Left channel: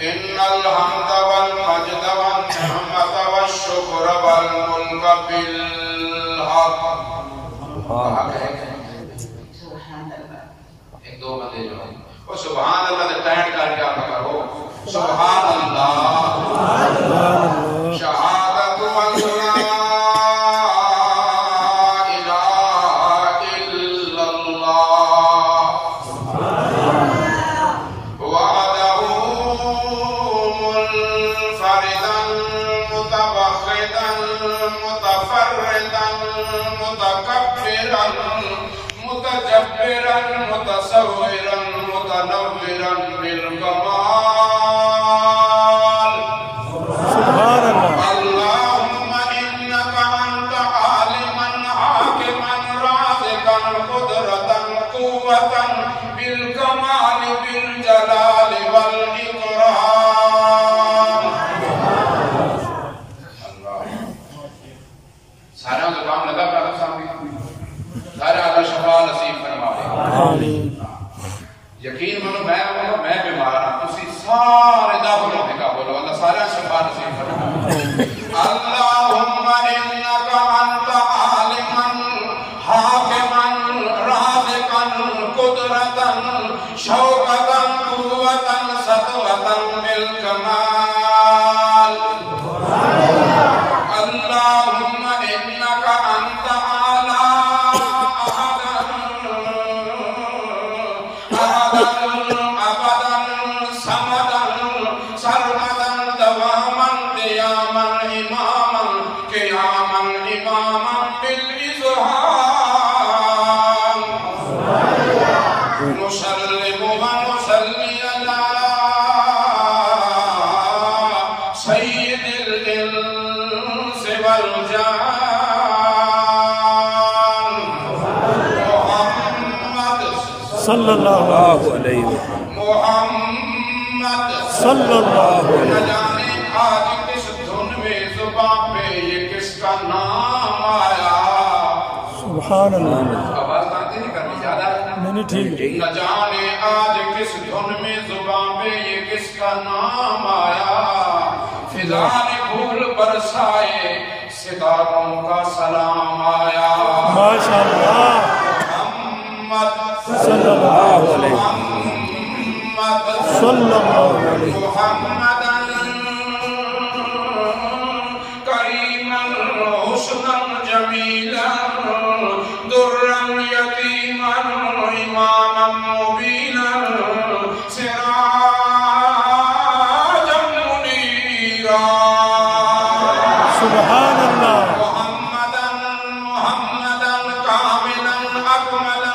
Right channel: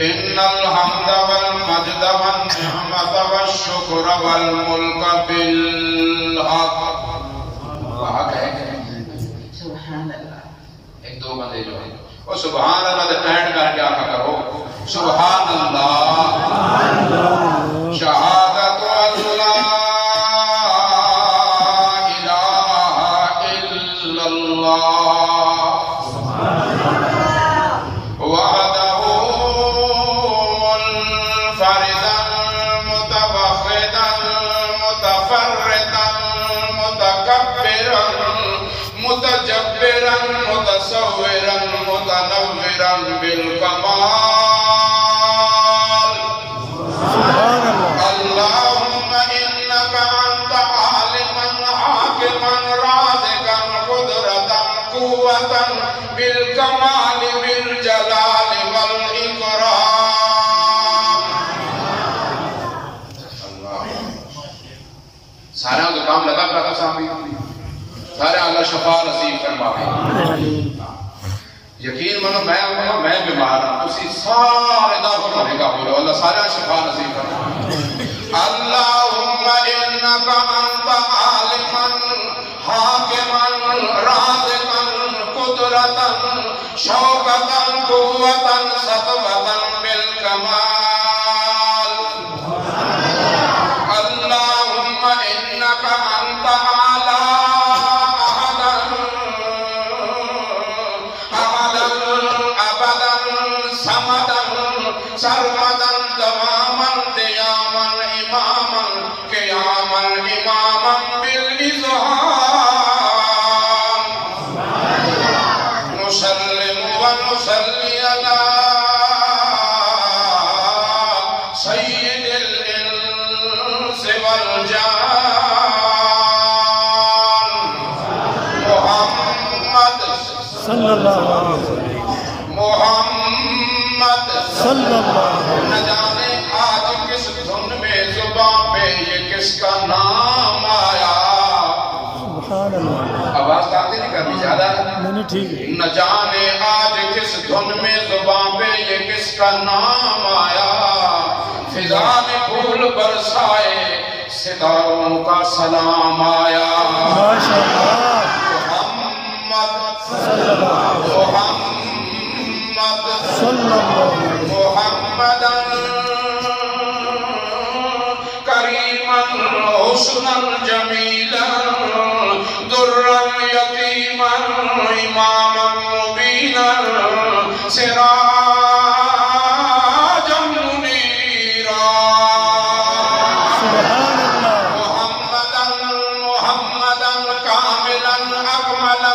إن الحمد والمجد والنعمة والشكر والملك بالحق. حق ہے سبحان اللہ. ایک دو بندے جو ہیں وہ سبحان اللہ دے ٹینٹ کر کے آقا کرو سبحان اللہ شہادت اللہ متجبرا متصورا متنورا بالكمال. سبحان الله. اللهم إنك أنت عالما حاكما رازقا قدرة قوة بالكمال بالجلال والإكرام. الله. سارا کام لگا پڑا سامنے سارے اللہ شفا نصیب فرمائے. یقین منو میں بیمار ہوں تسی سارے دا ہونے کا بولو اللہ سارے شفا نصیب فرمائے. اللہم انکا انت عالما حاکما رازقا قدرتا شوقتا قوتا سطوتا بالکمال. اللہم انکا انت صلی اللہ علیہ محمد صلی اللہ علیہ وسلم. نہ جانے آج کس دھن میں زباں پہ یہ کس کا نام آیا. سبحان اللہ. آواز آتے نہیں کرنی زیادہ نہیں ٹھیک. نہ جانے آج کس دھن میں زباں پہ یہ کس کا نام آیا. فضا نے پھول برسائے ستاروں کا سلام آیا. ماشاءاللہ. صلی اللہ علیہ محمد صلی اللہ علیہ محمدا کریما حسنا جمیلا درا یتیما اماما مبینا سراجا منیرا. سبحان اللہ. محمدا کاملا اکملا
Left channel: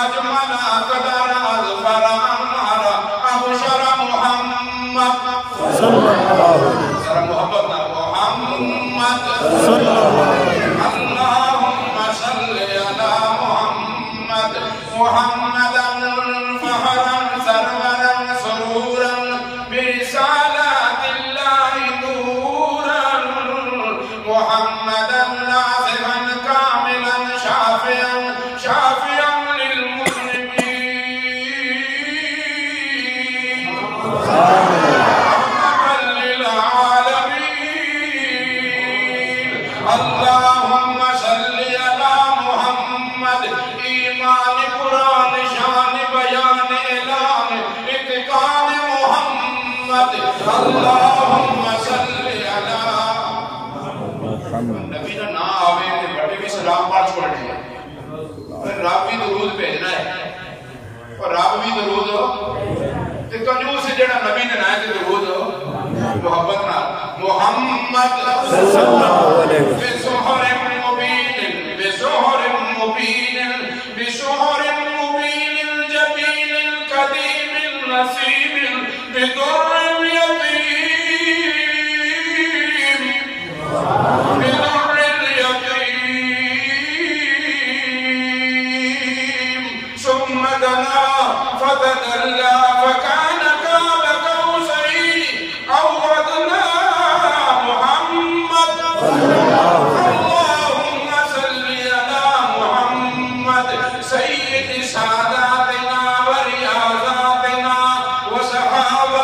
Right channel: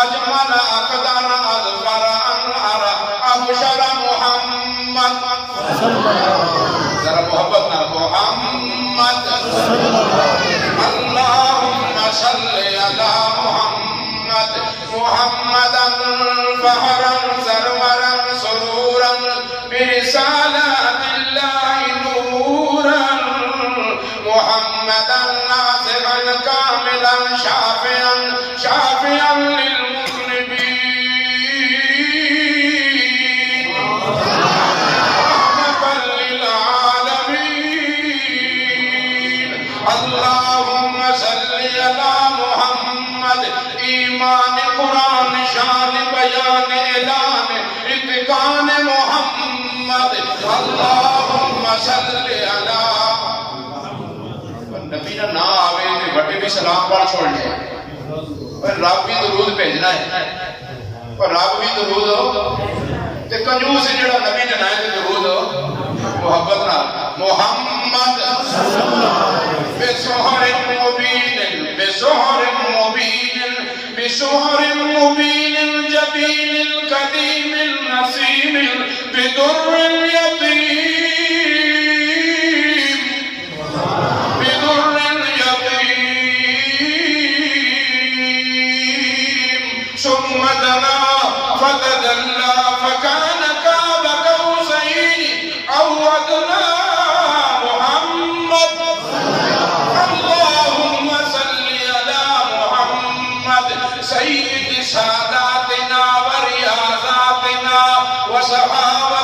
اجمل اقدر اظفر انعر ابشر محمد صلی اللہ علیہ وسلم. ذرا محبت نہ محمد صلی اللہ علیہ وسلم. اللہم صلی علی محمد محمدا فہرا سرورا سرورا برسالات اللہ نورا محمدا ناصرا کاملا شافعا شافعا اللہم صلی علی محمد ایمان قرآن شان بیان اعلان اتقان محمد. اللہم صلی علی نبی نہ آوے کہ بڑے بھی سلام پڑھ چھوڑنے رب بھی درود بھیجنا ہے اور رب بھی درود ہو تے کنجوس جڑا نبی نے نائے تے درود ہو محبت نہ محمد صلی اللہ علیہ وسلم. بسحر مبین بسحر مبین بسحر مبین الجبین القدیم النسیم بدر الیتیم بدر الیتیم ثم دنا فتدلى فكان قاب قوسين أو أدنى. محمد اللهم صل على محمد سيد ساداتنا ورياضاتنا وصحابة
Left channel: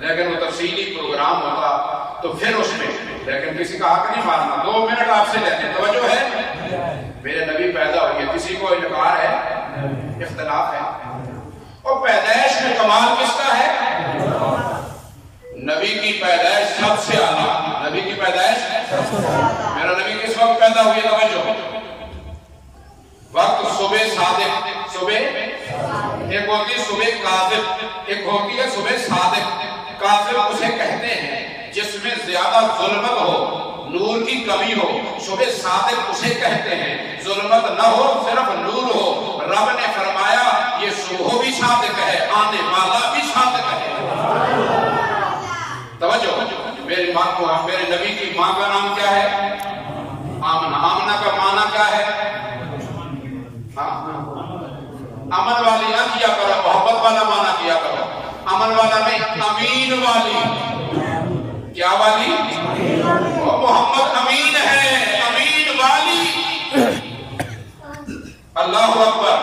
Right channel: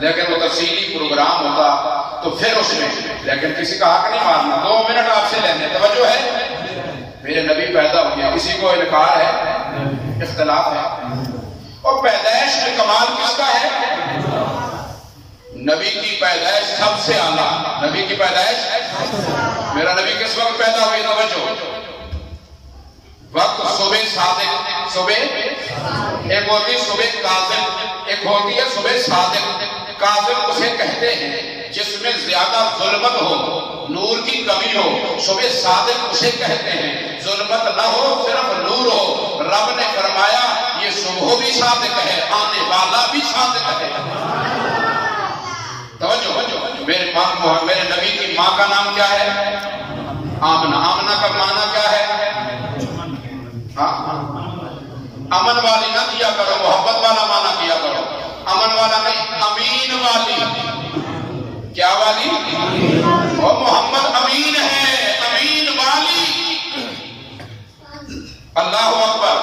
لیکن وہ تفصیلی پروگرام ہوتا تو پھر اس میں، لیکن کسی کا حق نہیں مارنا. 2 منٹ آپ سے لینے. توجہ ہے؟ میرے نبی پیدا ہو گیا، کسی کو انکار ہے؟ اختلاف ہے. اور پیدائش میں کمال کس کا ہے؟ نبی کی پیدائش سب سے اعلیٰ. نبی کی پیدائش، میرا نبی کس وقت پیدا ہوئی؟ توجہ، وقت صبح صادق. صبح ایک ہوتی ہے صبح کاذب، ایک ہوتی ہے صبح صادق. کاذب اسے کہتے ہیں جس میں زیادہ ظلمت ہو، نور کی کمی ہو. صبح صادق اسے کہتے ہیں ظلمت نہ ہو، صرف نور ہو. رب نے فرمایا یہ صبح بھی صادق ہے، آنے والا بھی صادق ہے. توجہ، میرے نبی کی ماں کا نام کیا ہے؟ آمنہ. آمنہ کا معنی کیا ہے؟ امن والی نہ کیا کرو، محبت والا معنی کیا کرو. امن والا نہیں، امین والی. کیا والی؟ اور محمد امین ہے، امین والی. اللہ اکبر.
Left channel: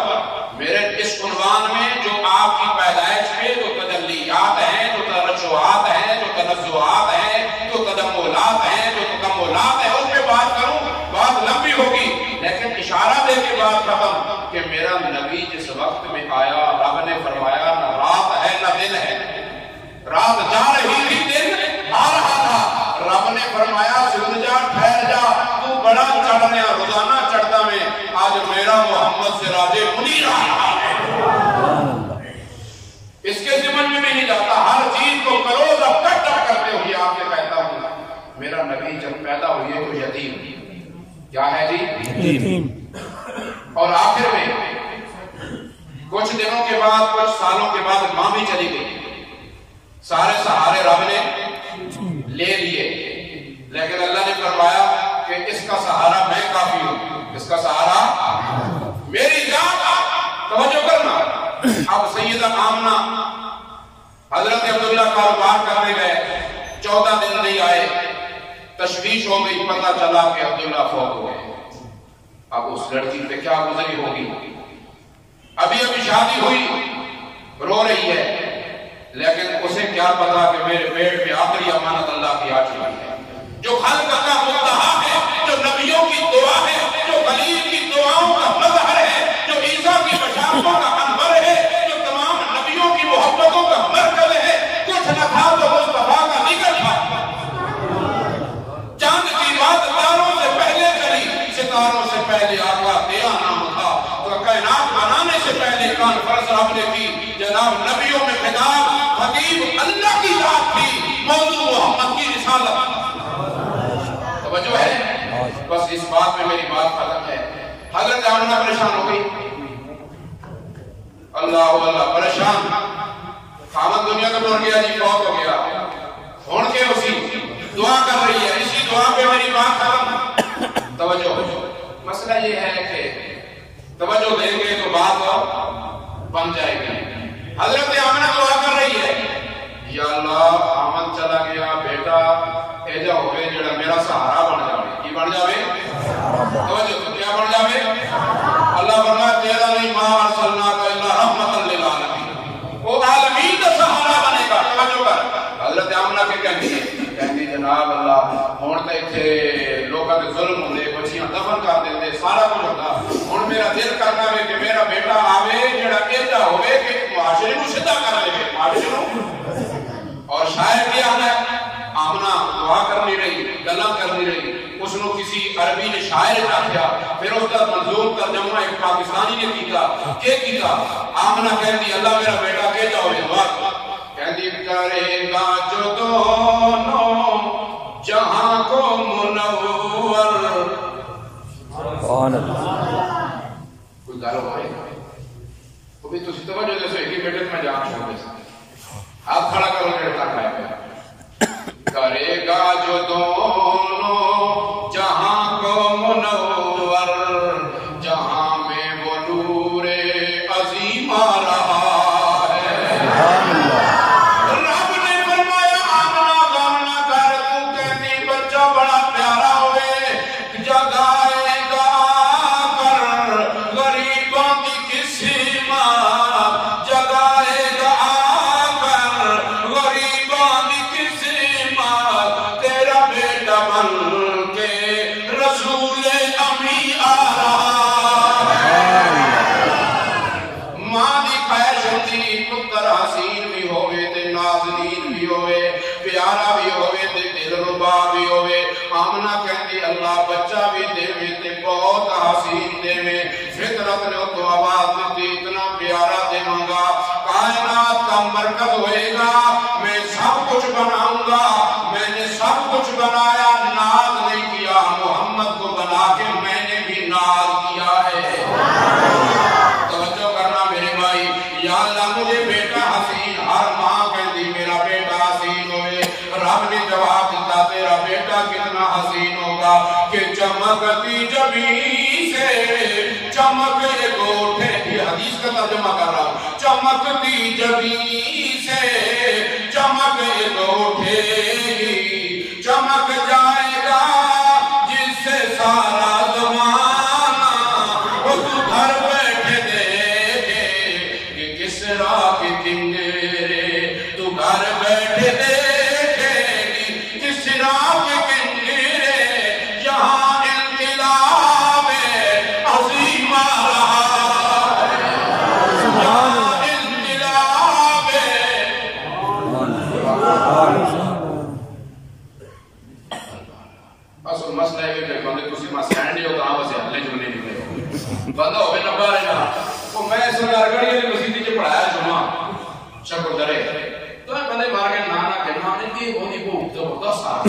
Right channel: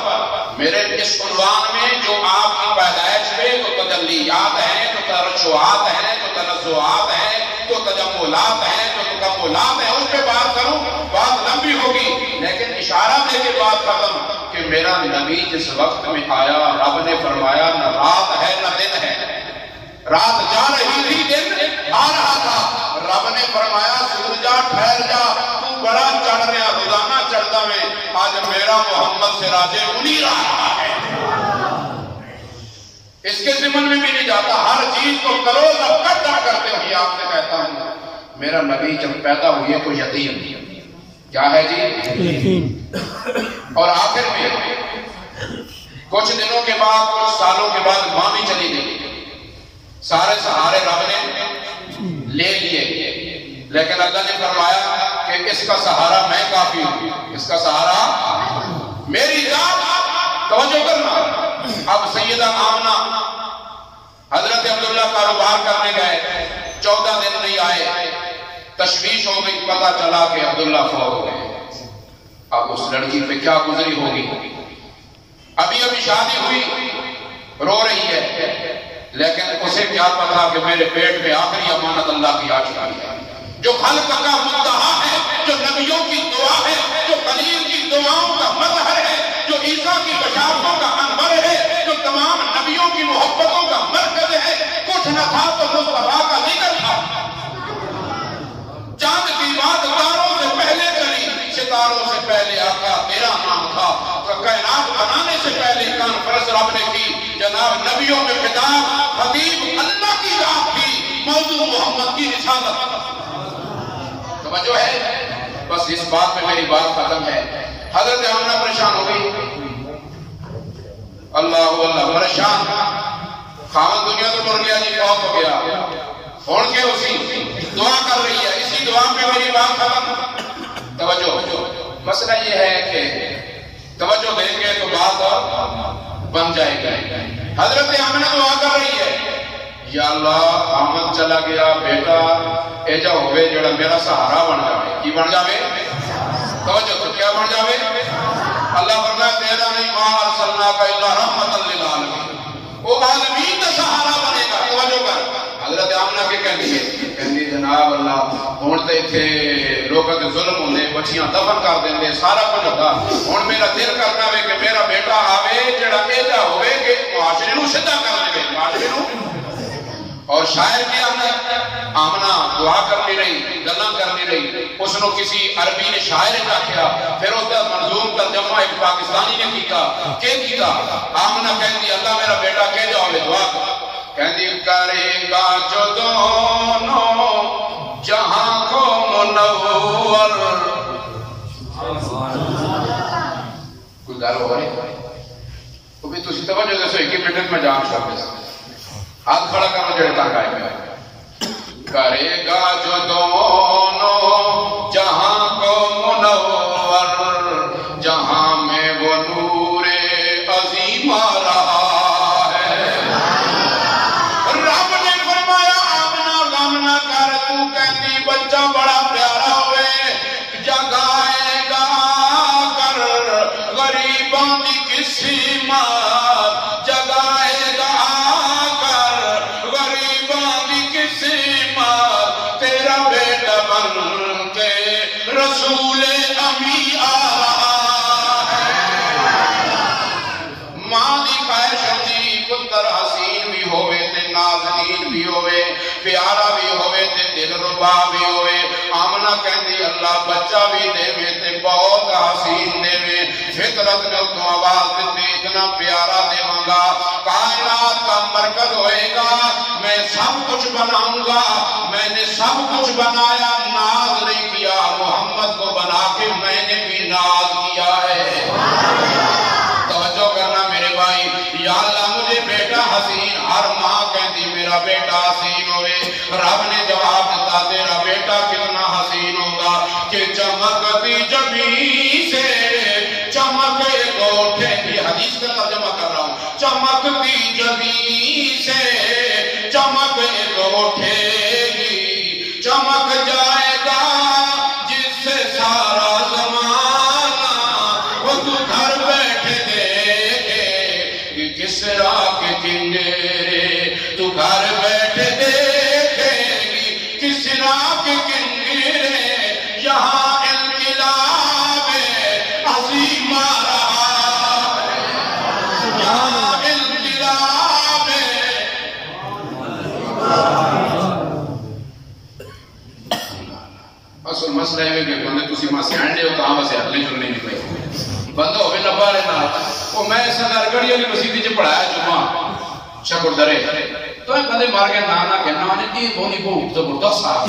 میرے اس عنوان میں جو آپ کی پیدائش پہ جو تجلیات ہیں، جو ترشحات ہیں، جو تنزعات ہیں، جو تجملات ہیں، جو تکملات ہیں، اس پہ بات کروں بات لمبی ہوگی، لیکن اشارہ دے کے بات ختم کہ میرا نبی جس وقت میں آیا رب نے فرمایا نہ رات ہے نہ دن ہے. رات جا رہی تھی، دن آ رہا تھا. رب نے فرمایا سورج جا ٹھہر جا، تو بڑا چڑھ رہا، روزانہ چڑھتا میں. آج میرا محمد سراج منیر آ رہا ہے. اس کے ضمن میں بھی نہیں جاتا. ہر چیز کو کرو اکٹھا کرتے ہوئے آپ سے کہتا ہوں میرا نبی جب پیدا ہوئے تو یتیم. کیا ہے جی؟ یتیم. اور آخر میں کچھ دنوں کے بعد، کچھ سالوں کے بعد ماں بھی چلی گئی. سارے سہارے رب نے لے لیے، لیکن اللہ نے فرمایا کہ اس کا سہارا میں کافی ہوں. اس کا سہارا میری ذات. توجہ کرنا. اب سیدہ آمنہ حضرت عبداللہ کاروبار کرنے گئے، 14 دن نہیں آئے. تشویش ہو گئی، پتہ چلا کہ عبداللہ فوت ہو گئے. اب اس لڑکی پہ کیا گزری ہوگی؟ ابھی شادی ہوئی، رو رہی ہے، لیکن اسے کیا پتا کہ میرے پیٹ میں آخری امانت اللہ کی آ چکی ہے. جو خلق کا مدعا ہے، جو نبیوں کی دعا ہے، جو خلیل کی دعاؤں کا مظہر ہے، جو عیسیٰ کی بشارتوں کا انور ہے، جو تمام نبیوں کی محبتوں کا مرکز ہے. کچھ نہ تھا تو مصطفیٰ کا ذکر تھا. چاند کی بات تاروں سے پہلے کری، ستاروں سے پہلے آقا تیرا نام تھا. تو کائنات بنانے سے پہلے کانفرنس رب نے کی. جناب نبیوں میں خطاب، خطیب اللہ کی ذات تھی، موضوع محمد کی رسالت. توجہ ہے؟ بس اس بات میں میری بات ختم ہے. حضرت آمنہ پریشان ہو گئی. اللہ پریشان. خامن دنیا تو ٹر گیا جی، بہت ہو گیا. ہون کے اسی دعا کر رہی ہے. اسی دعا پہ میری بات ختم. توجہ. مسئلہ یہ ہے کہ توجہ دیں گے تو بات بن جائے گی. حضرت آمنہ دعا کر رہی ہے، یا اللہ آمد چلا گیا بیٹا ایجا ہوئے جڑا میرا سہارا بن جاوے. کی بن جاوے؟ توجہ تو کیا بن جاوے؟ اللہ فرمایا تیرا نہیں ما ارسلناک الا رحمت للعالمین. وہ عالمین کا سہارا بنے گا. توجہ کر. حضرت آمنہ کے کہنگی جناب اللہ ہون تے تھے لوگاں کے ظلم ہوندے، بچیاں دفن کر دیندے، سارا کچھ ہوتا. ہن میرا دل کرنا ہے کہ میرا بیٹا آوے جڑا ایجا ہوئے کہ معاشرے نو سیدھا کر لے. معاشرے نو. اور شاعر کیا ہے، آمنہ دعا کرنی رہی، گلاں کرنی رہی. اس نے کسی عربی نے شاعر آکھیا، پھر اس کا منظوم ترجمہ ایک پاکستانی نے کیتا. کہ کیتا؟ آمنہ کہندی اللہ میرا بیٹا کہ جاؤ دعا کر. کہندی کرے گا جو دونوں جہاں کو منور. کوئی گل ہو رہی وہ بھی تسی توجہ دسو. ایک ہی منٹ میں جان چھوڑ دے. ہاتھ کھڑا کرو جڑے تک آئے گا. کرے گا جو دونوں جہاں کو منور، جہاں میں وہ نور عظیم آ رہا ہے. رب نے فرمایا آمنہ غم نہ کر. تو کہتی بچہ بڑا پیارا ہوئے، جگائے گا کر غریبوں کی قسمت، جگائے گا کر غریب نازنین بھی ہوئے پیارا بھی ہوئے تے دل ربا بھی ہوئے آمنہ کہندی اللہ بچہ بھی دے میں تے بہت حسین دے میں فطرت نے تو آواز دیتی اتنا پیارا دے مانگا کائنات کا مرکز ہوئے گا میں سب کچھ بناؤں گا میں نے سب کچھ بنایا ناز نہیں کیا محمد کو بنا کے میں نے بھی ناز کیا ہے توجہ کرنا میرے بھائی یا اللہ مجھے بیٹا حسین ہر ماں کہتی میرا بیٹا حسین ہوئے رب نے جواب دیتا تیرا بیٹا کتنا حسین ہوگا کہ چمکتی جبیں سے چمکے گوٹھے یہ حدیث کا ترجمہ کر رہا ہوں چمکتی جبیں سے چمکے گوٹھے گی چمک جائے گا جس سے سارا زمانہ وہ تو گھر بیٹھے دیکھے کہ کس راہ کے کنگرے تو گھر بیٹھے دیکھے گی کس راہ کے کنگرے یہاں انقلاب عظیم آ رہا ہے سبحان اللہ مسئلہ ہے کہ بندے تسی ماں سے آئیں دے ہو تو آن سے اگلی جننے نہیں پہے بندہ ہوئے نبا رہے نا تو میں سردار گڑی علی مسیدی جو پڑھایا جمعہ شکر درے تو ایک بندے مار کے نانا کے نانے کی بونی کو اکتا بردہ صاحب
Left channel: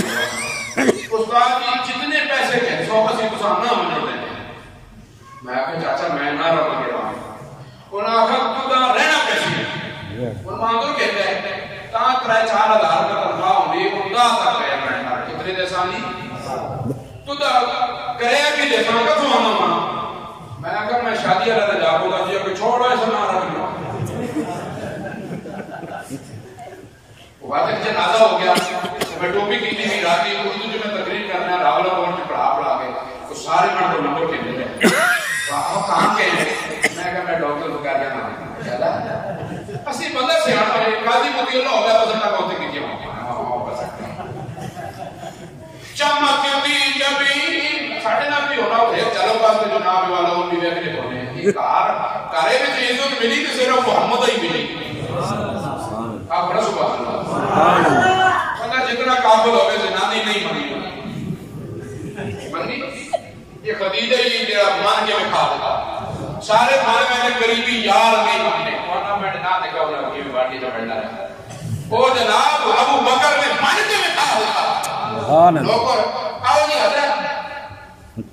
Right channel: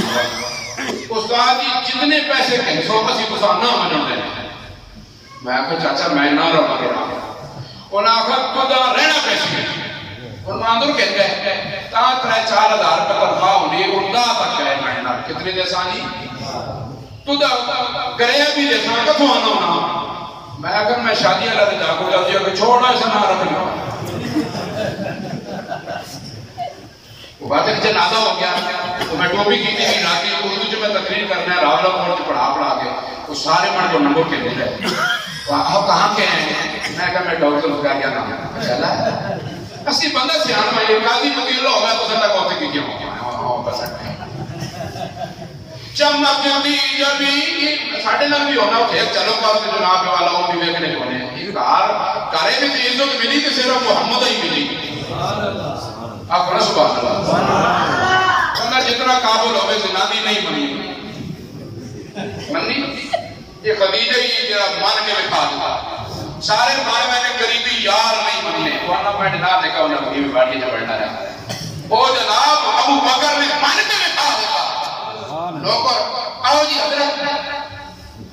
استاد جی جتنے پیسے کہیں سو کسی کو سامنا منر دینے میں آکھا چاچا میں نہ رہا مگر رہا انہاں آکھا تو دا رہنا پیسے انہاں اندر کہتے ہیں تاں 3-4 ہزار کا تنخواہ ہونی اندہ تک ہے میں کتنے دے سانی تو دا کرے بھی دیکھاں کا تو آنا ہونا میں اگر میں شادی اللہ دے جاکو جاتی ہوں کہ چھوڑا ایسا نہ رکھنا وہ بات ہے کہ جنازہ ہو گیا تو میں ٹوپی کی تھی بھی راتی اردو جو میں تقریر کرنا ہے راولہ پہنچ کے پڑھا کے وہ سارے من کو نمبر کے دے رہے وہ آپ کہاں کے ہیں میں کہا میں ڈاکٹر بکار گیا نام اچھا اسی بندہ سے آنا یہ قاضی مطی اللہ ہوگا تو سنڈا کہتے کی کیا ہوں بس سکتے ہیں چمکتی جبیں ساڑھے نام بھی ہونا ہوتا ہے چلو پاس میں جناب والا ہوں بھی بیکنے کونے یہ کارے میں چیزوں تو ملی کہ صرف محمد ہی ملی آپ کہنا سبحان اللہ اللہ جتنا قابل ہوئے زنانی نہیں منی یہ خدیجہ ہی مان کے لکھا دیتا سارے ماں میں نے قریبی یار نہیں ماننے ورنہ میں نے نہ دیکھا انہیں بھگی میں بارکی جب بڑھنا رہا وہ جناب ابو بکر نے مان کے لکھا دیتا لوگوں آؤ جی حضرت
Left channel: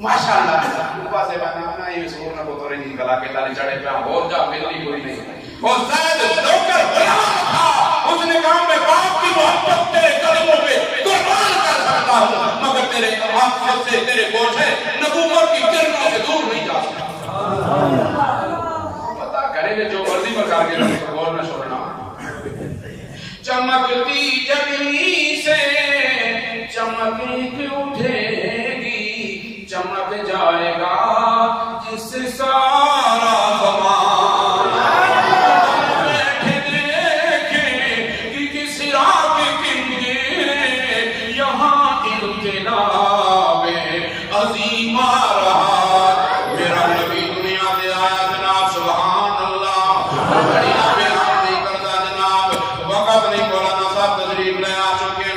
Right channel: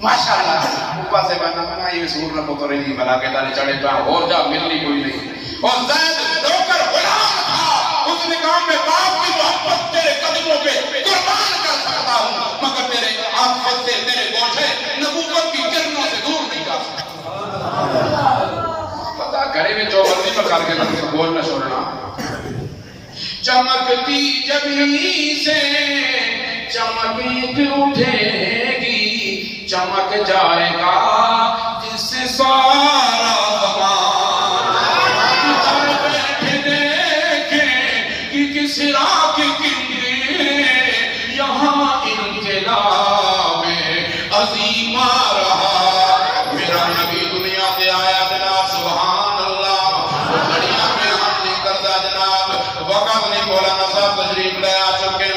ماشاءاللہ اوپر سے بنا یہ سور نہ پتر نہیں بلا کے تارے چڑھے پہ اور جا ملنی کوئی نہیں اور زید نوکر غلام تھا اس نے کہا میں باپ کی محبت تیرے قدموں پہ قربان کر سکتا ہوں مگر تیرے آنکھ سے تیرے گوشے نبوت کی کرنوں سے دور نہیں جا سکتا پتا کرے میں جو مرضی پر کر کے تمہیں بول نہ چھوڑنا چمکتی جبیں سے چمک اٹھے گی چمک جائے گا جس سے سارا زمان بیٹھے دیکھیں کہ کس راہ کے کنگرے یہاں انقلاب عظیم آ رہا میرا نبی دنیا پہ آیا جناب سبحان اللہ بڑیا بیان نہیں کرتا جناب وقت نہیں مولانا صاحب تجریب لے آ چکے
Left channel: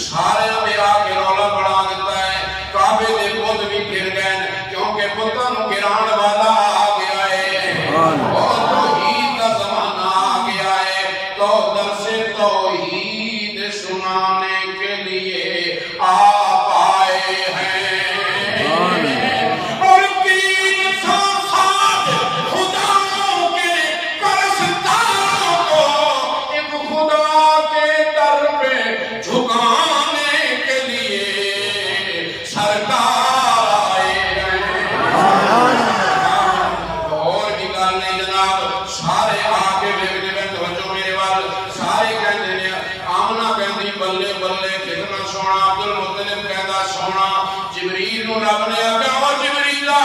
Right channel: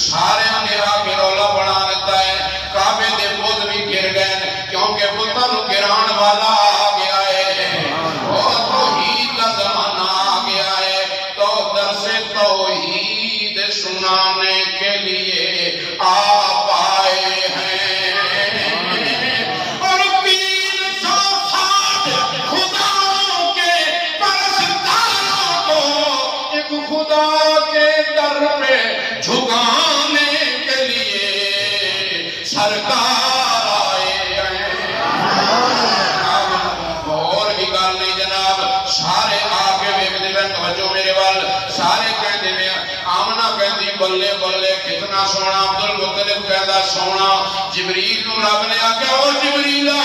سارے نے آگے رولا بنا لیتا ہے کعبے دے بود بھی گر گئے کیونکہ بتوں گران والا آ گیا ہے اور توحید کا زمانہ آ گیا ہے تو درس توحید سنانے کے لیے آپ آئے ہیں اور 360 خداوں کے پرستاروں کو ایک خدا کے در پہ جھکانے کے لیے سرکار آئے ہیں اور بھی کر نہیں جناب سارے آگے بیکتے ہیں توجہ میرے وال سارے کہتے ہیں آمنہ کہتی بلے بلے کتنا سونا عبدالمطلب کہتا سونا جبریل نو رب نے آکھا او جبریلہ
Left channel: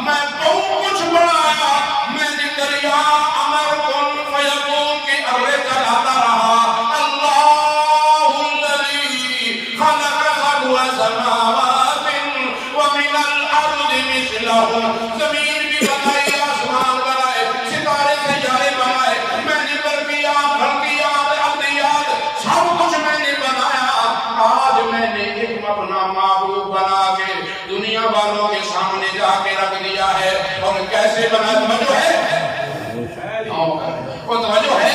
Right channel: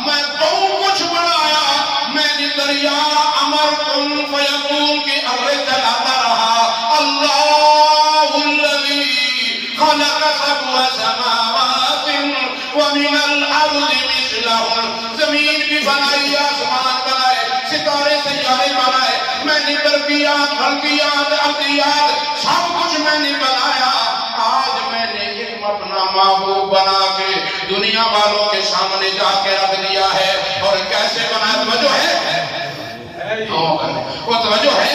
میں بہت کچھ بنایا میں نے دریا امر کن فیقون کی ارے جلاتا رہا اللہ الذی خلق سبع سماوات ومن الارض مثلہم زمین بھی بنائی آسمان بنائے ستارے سیارے بنائے میں نے برقیات بھلقیات عبدیات نے بنایا، آج میں نے ایک اپنا معبود بنا کے دنیا والوں کے سامنے جا کے رکھ دیا ہے. اور کیسے بنا؟ توجہ ہے؟ وہ توجہ ہے؟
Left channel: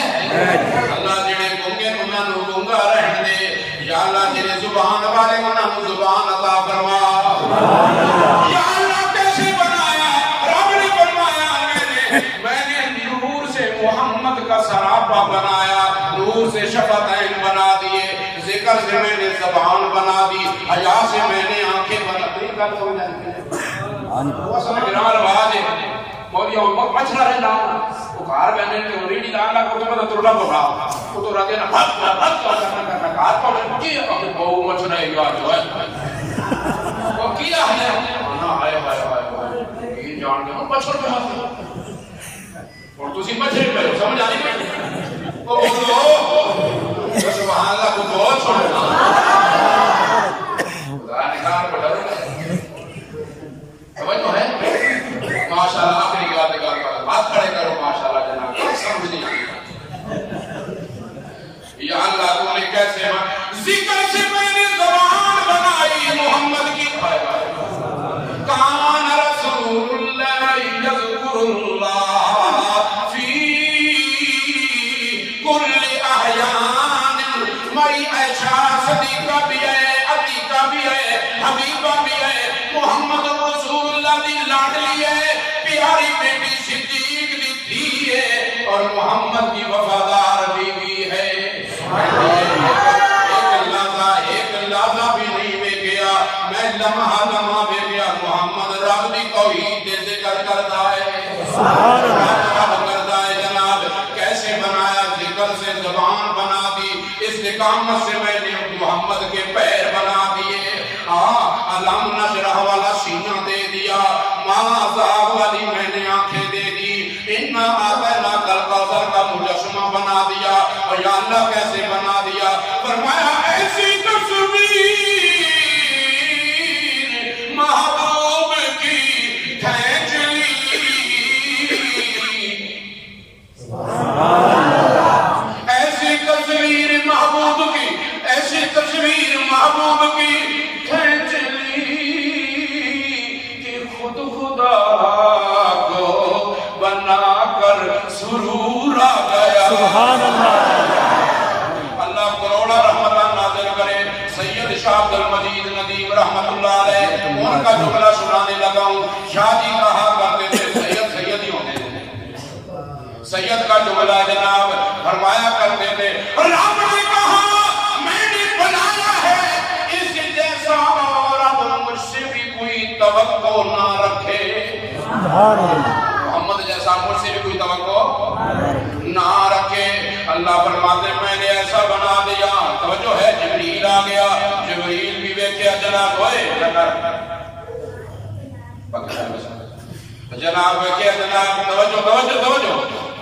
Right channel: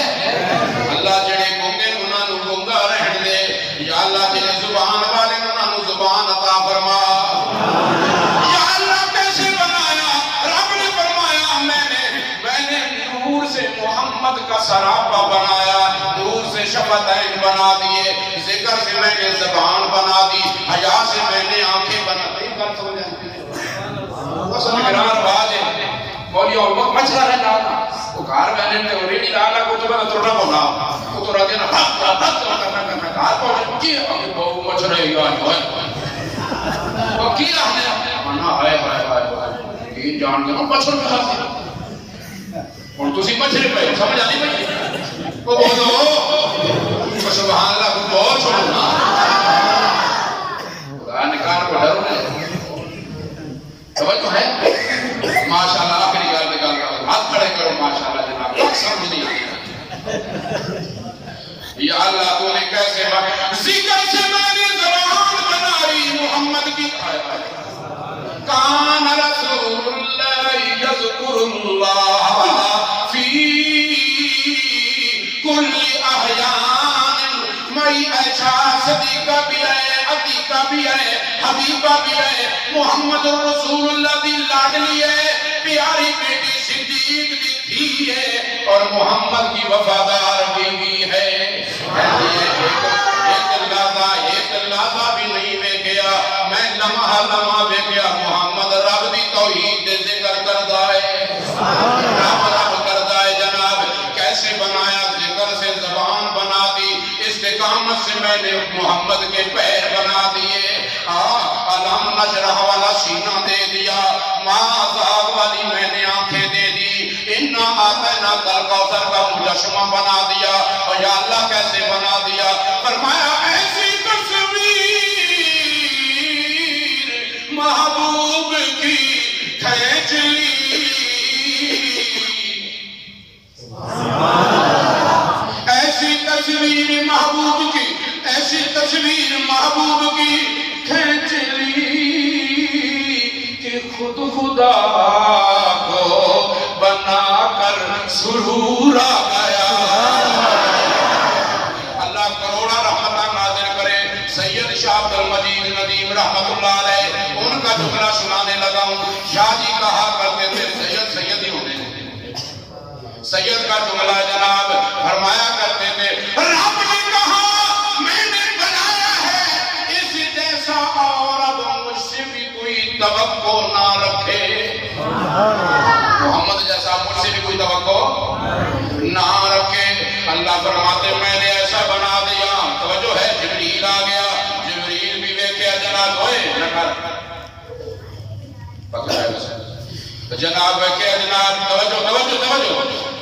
اللہ جڑے گونگے انہاں نوں گونگا رہن دے، یا اللہ جڑے زبان والے انہاں نوں زبان عطا فرما. یا اللہ کیسے بنایا؟ رب نے فرمایا میں نے نور سے محمد کا سراپا بنایا، نور سے شفتین بنا دیے، ذکر سے میں نے زبان بنا دی، حیا سے میں نے آنکھیں بنا دی. کر سو جانتے ہیں اصل گرار باز ہے مولیوں مچھرا رہنا وہ کار بہنے نے ریڈی لالا کو تو بنا تروڑا بولا وہ تو رہتے نا بھت کرنا کار پہنچے کیا کہ بہو مچھرا ہے یا جو ہے وہ کیا ہے انا ہائے ہائے ہائے یہ جان گیا مچھر کے ہاتھ سے اور تسی مچھرے پہ سمجھ آنی پہ وہ بولو سبحان اللہ کو بہت چھوڑنا خدا نکار کو ڈر رہے توجہ ہے ماشاءاللہ آخری گال دے گال کا ہاتھ کھڑے کرو ماشاءاللہ جناب کچھ سمجھ نہیں یا اللہ تو نے کیسے ذکر سے میں نے زبان بنائی محمد کی. کان رسول اللہ یذکر اللہ فی کل احیان. مئی عائشہ صدیقہ بھی ہے، عتیقہ بھی ہے، حبیبہ بھی ہے، محمد رسول اللہ دی لاڈلی ہے، پیاری بیٹی صدیق دی تھی ہے، اور محمد کی وفادار بیوی ہے. ایک لحظہ بھی نہیں میں گیا، میں لمحہ لمحہ میں گیا محمد رب دی توحید دے ذکر کردا ہے، رب کردا ہے. جناب کیسے بنایا؟ ذکر سے زبان بنا دی، استقامت سے میں نے محمد کے پیر بنا دیے، علم نشرح والا سینہ دے دیا، ماں زاغ والی میں نے آنکھیں دے دی، انا آتینا کل کوثر کا مجسمہ بنا دیا. اور یا اللہ کیسے بنا دیا؟ فرمایا ایسی تصویر محبوب کی کھینچ لی، ایسی تصویر محبوب کی، ایسی تصویر محبوب کی کھینچ لی کہ خود خدا کو بنا کر سرور آ گیا. اللہ کروڑا رحمتہ نازل کرے. سید شاہ عبد المجید ندیم رحمت اللہ علیہ ان کا جملہ سنانے لگا ہوں. شاہ جی کہا کرتے تھے سید ہی ہونے سید کا جملہ جناب فرمایا کرتے تھے رب نے کہا میں نے بنایا ہے اس جیسا اور اب مجھ سے بھی کوئی توقع نہ رکھے. محمد جیسا مجھ سے بھی کوئی توقع نہ رکھے. اللہ فرماتے میں نے ایسا بنا دیا. توجہ ہے جبریل آ گیا، جبریل بھی ویکھیا جناب ہوئے پکڑا ہے بس جناب ویکھیا جناب توجہ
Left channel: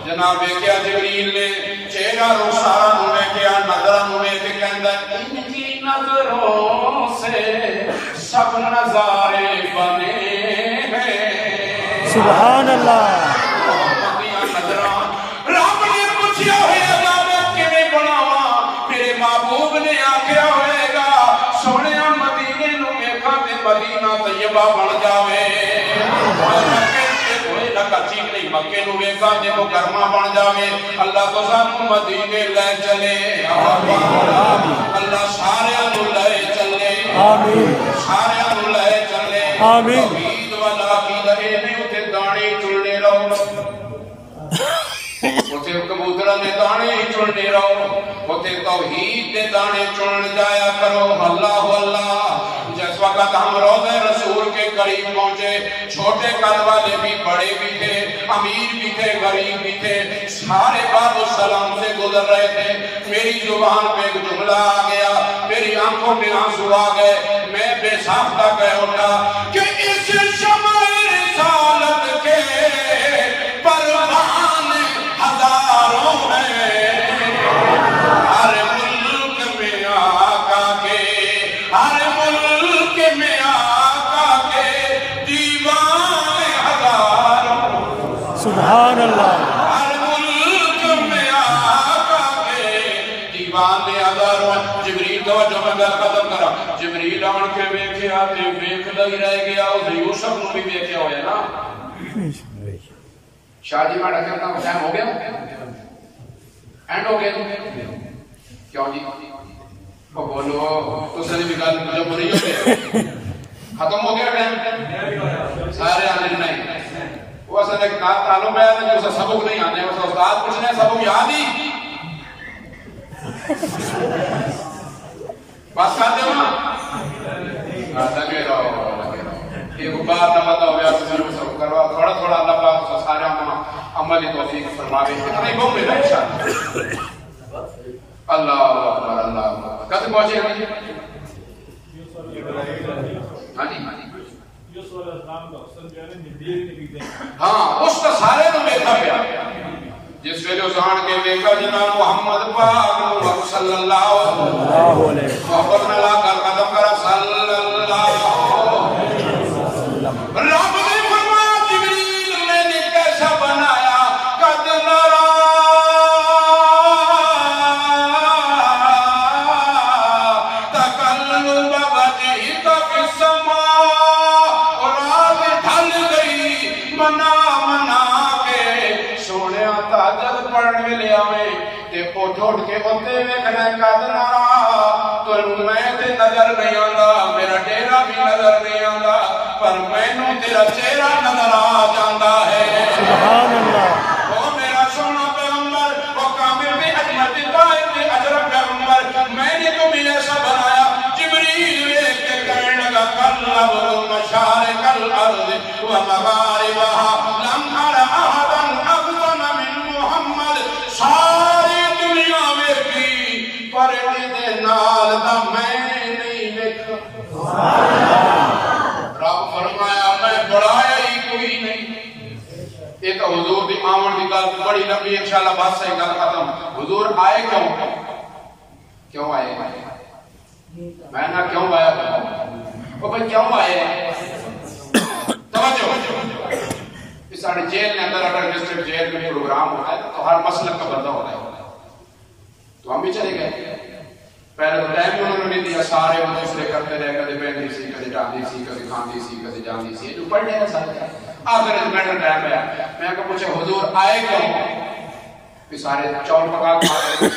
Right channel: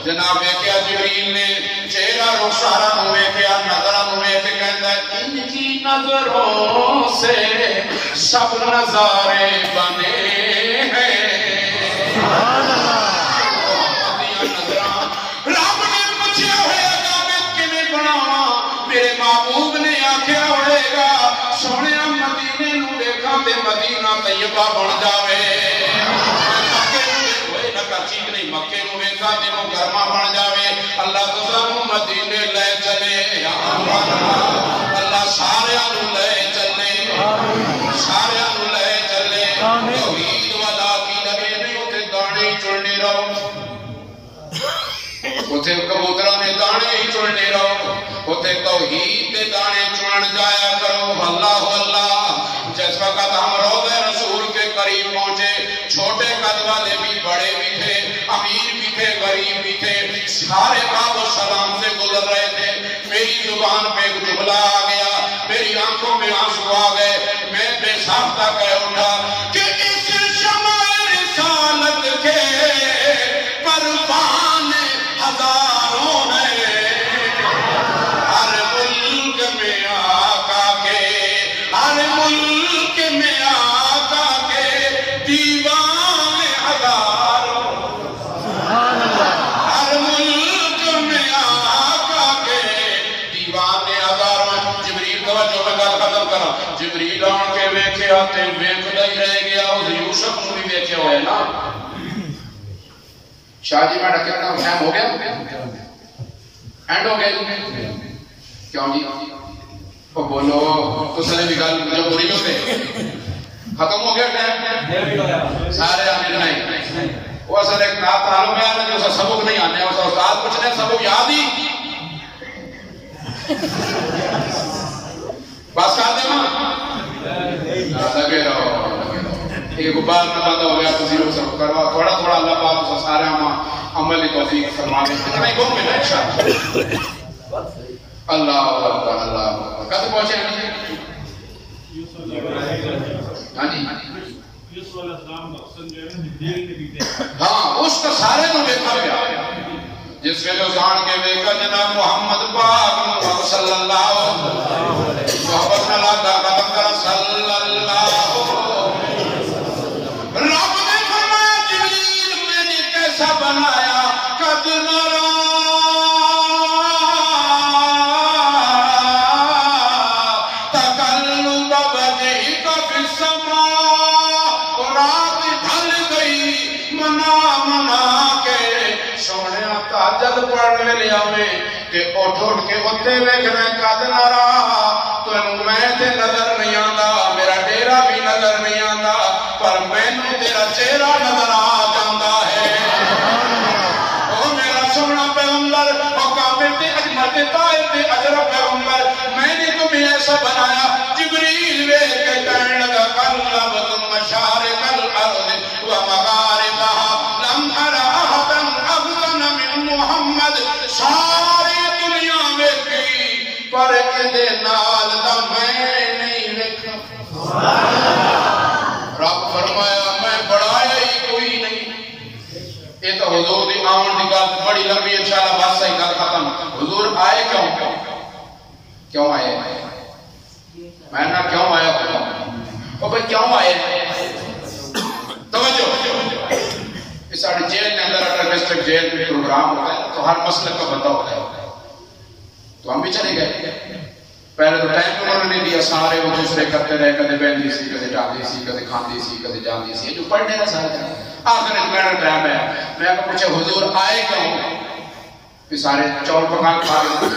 جناب ویکھیا جبریل نے چہرہ رخسارا نو ویکھیا، نظراں نو ویکھ کے کہندا ان کی نظروں سے سب نظارے بنے ہیں. سبحان اللہ. نظراں رب نے پوچھیا ہوئے گا میں کیویں بناواں؟ میرے محبوب نے آکھیا ہوئے گا سونیا مدینے نو ویکھاں تے مدینہ طیبہ بن جاوے. چیک نہیں مکے نو ویکھا تے مکرمہ بن جاوے. اللہ تو سانو مدینے لے چلے، اللہ سارے نو لے چلے، سارے نو لے چلے. توحید والا عقیدہ اے نہیں اوتھے دانے چلنے رہو، اوتھے کبوتراں دے دانے ہی چلنے رہو، اوتھے توحید دے دانے چلن جایا کرو. اللہ اللہ. جس وقت ہم روضہ رسول کے قریب پہنچے چھوٹے قد والے بھی بڑے بھی تھے، امیر بھی تھے غریب بھی تھے، سارے باب السلام سے گزر رہے تھے. میری زبان پہ ایک جملہ آ گیا، میری آنکھوں میں آنسو آ گئے. میں بے ساختہ کہہ اٹھا کہ اس شمع رسالت کے پروان ہزاروں ہیں، ہر ملک میں آقا کے، ہر ملک میں آقا کے دیوان ہزاروں. سبحان اللہ. ہر ملک میں آقا کے دیوان جبریل توجہ میں گل ختم کرا جبریل آن کے ویکھیا تے ویکھدا ہی رہ گیا او یوسف نوں بھی ویکھیا ہوئے نا شاہ جی میں کہنا ٹائم ہو گیا اینڈ ہو گیا کیوں جی او بولو تو سنے بھی گل جو بری ہو گئے ختم ہو گیا ٹائم سارے آنے نہیں وہ اصل ایک تعلق ہے جو سبق نہیں آنے استاد پوچھنے سبق یاد ہی بس کر دے وہاں لگے رہو ایک بار نہ پتا ہو گیا تو زیرو سبق کروا تھوڑا تھوڑا اللہ پاک سارے عمل توفیق فرما دے کتنا ہی گم ملا انشاءاللہ اللہ اکبر اللہ اکبر کہتے پہنچے ہیں ہاں جی ہاں اس کا سارے نو دیکھا گیا جس ویلے جان کے دیکھا جناب محمد پاک صلی اللہ علیہ محبت نہ لا کر قدم کرا صلی اللہ رب نے فرمایا جبریل میں نے کیسا بنایا قد نرا تقلب وجهك في السماء اور رات ڈھل گئی منا منا کے سونے تہجد پڑھنے لے آوے تے اٹھ اٹھ کے اوتے ویکھنا قد نرا تو میں تے نظر نہیں آندا میرا ڈیرا بھی نظر نہیں آندا پر مینوں تیرا چہرہ نظر آ جاندا ہے سبحان اللہ او میرا سونا پیغمبر او کامل تے اجمل تے طاہر تے اشرف پیغمبر میں نے تمہیں ایسا بنایا جبریل ویکھ کے کہنے لگا قلب المشارق الارض ومغاربها لم ارى احدا افضل من محمد ساری دنیا ویکھی پر اندے نال دا میں نہیں ویکھا رب فرمایا میں بڑھایا ہی کوئی نہیں یہ تو حضور دی آمن دی گل بڑی لمبی انشاءاللہ بات صحیح گل ختم حضور آئے کیوں آئے میں نہ کیوں آیا او بھئی کیوں آئے توجہ اس ساڑی جیل نے اندر اٹر ڈسٹرکٹ جیل میں پروگرام ہوتا ہے تو ہر مسلک کا بندہ ہوتا ہے تو ہم بھی چلے گئے پہلے تو ٹائم انہوں نے نہیں دیا سارے وہ دوسرے کرتے رہے کدے بہندی سی کدے ڈاندی سی کدے کھاندی سی کدے جاندی سی جو پڑھنے نہ سارے آخر اس میں ٹائم ہے میں کو پوچھے حضور آئے کیوں کہ سارے چول پکا کھا رہے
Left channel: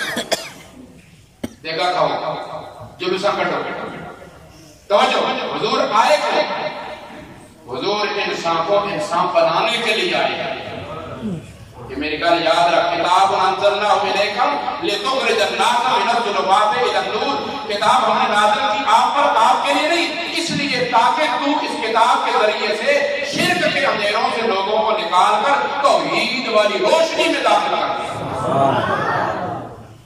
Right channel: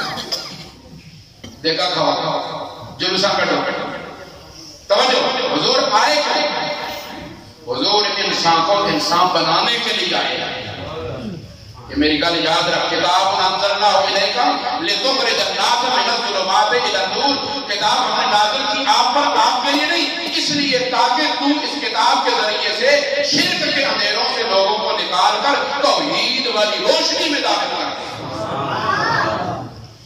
دیکھا کھاؤ جلوسا کٹو توجہ حضور آئے کیوں حضور انسان کو انسان بنانے کے لیے آئے یہ میری گل یاد رکھ کتاب انزلنا الیک لتخرج الناس من الظلمات الى النور کتاب ہم نے نازل کی آپ پر آپ کے لیے نہیں اس لیے تاکہ تو اس کتاب کے ذریعے سے شرک کے اندھیروں سے لوگوں کو نکال کر توحید والی روشنی میں داخل کر دے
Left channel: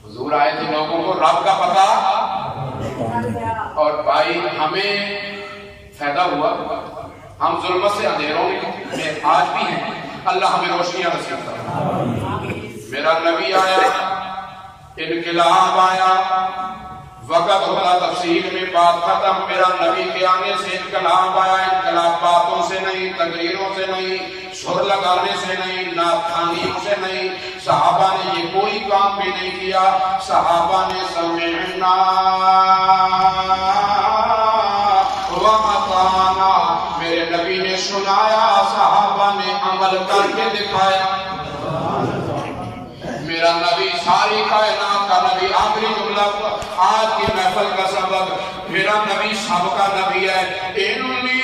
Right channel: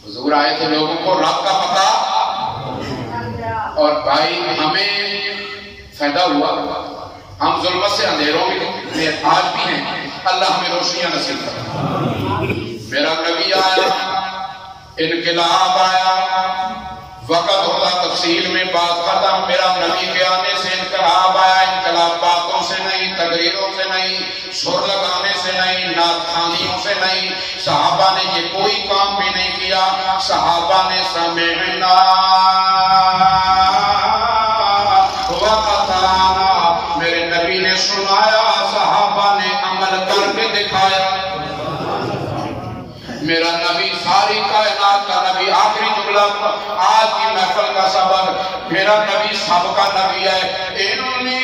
حضور آئے تھے لوگوں کو رب کا پتہ اور بھائی ہمیں فائدہ ہوا ہم ظلمت سے اندھیروں میں آج بھی ہیں اللہ ہمیں روشنیاں نصیب کرے میرا نبی آیا انقلاب آیا وقت ہوتا تفصیل میں بات ختم میرا نبی کے آنے سے انقلاب آیا انقلاب باتوں سے نہیں تقریروں سے نہیں سر لگانے سے نہیں نعت خوانیوں سے نہیں صحابہ نے یہ کوئی کام بھی نہیں کیا صحابہ نے سمعنا وَأَطَعْنَا میرے نبی نے سنایا صحابہ نے عمل کر کے دکھایا میرا نبی ساری کائنات کا نبی آخری جملہ آج کی محفل کا سبق میرا نبی سب کا نبی ہے انی